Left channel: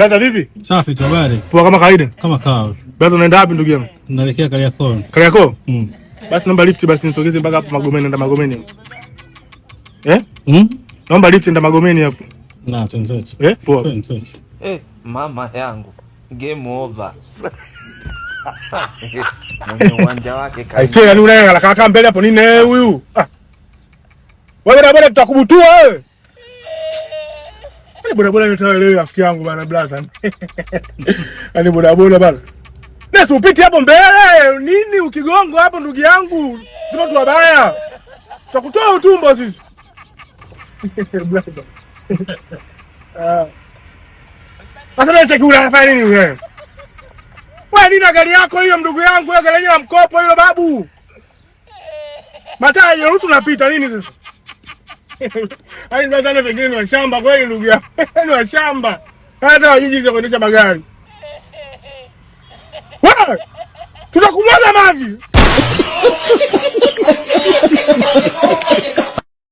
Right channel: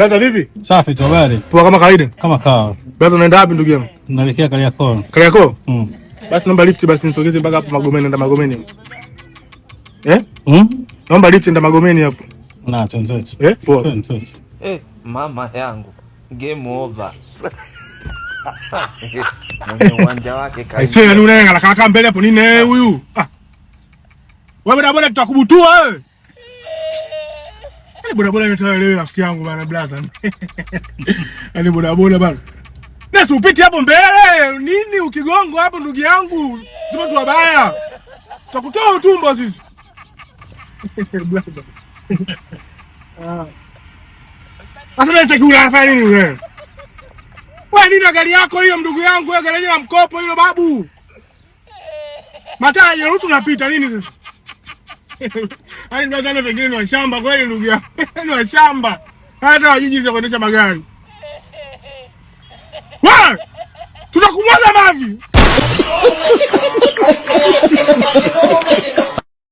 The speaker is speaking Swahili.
Blaza vipi? Safi tu, habari? Poa kama kawaida. Kama kawa. Blaza unaenda wapi ndugu yangu? Naelekea Kariakoo. Kariakoo? Basi naomba lift basi nisogeze mpaka hapo Magomeni, nenda Magomeni. Naomba lift nenda Magomeni hapo. Na tunzetu. Poa. Mama yangu. Game over. Mwenye uwanja wake kai. Sio yani unaenda kaka mbele hapo nini huyu? Wewe bwana tutakubutua wewe. Boda boda nitaka leo rafiki yangu bana blaza. Ani boda boda bana. Nasi upiti hapo mbele. Nini ukigongo hapo ndugu yangu? Sema tu wabaya. Tutakutoa utumbo sisi. Blaza. Sasa nataka unafanya nini wewe? Wewe nini gari yako hiyo ndugu yangu? Wewe gari la mkopo hilo babu. Mataa yeruhusu napita nini sasa? Ai blaza na pengine wa shamba kweli ndugu yangu. Ni wa shamba. Hata wajiji za kuendesha magari. Wewe! Tutakumwaga maji.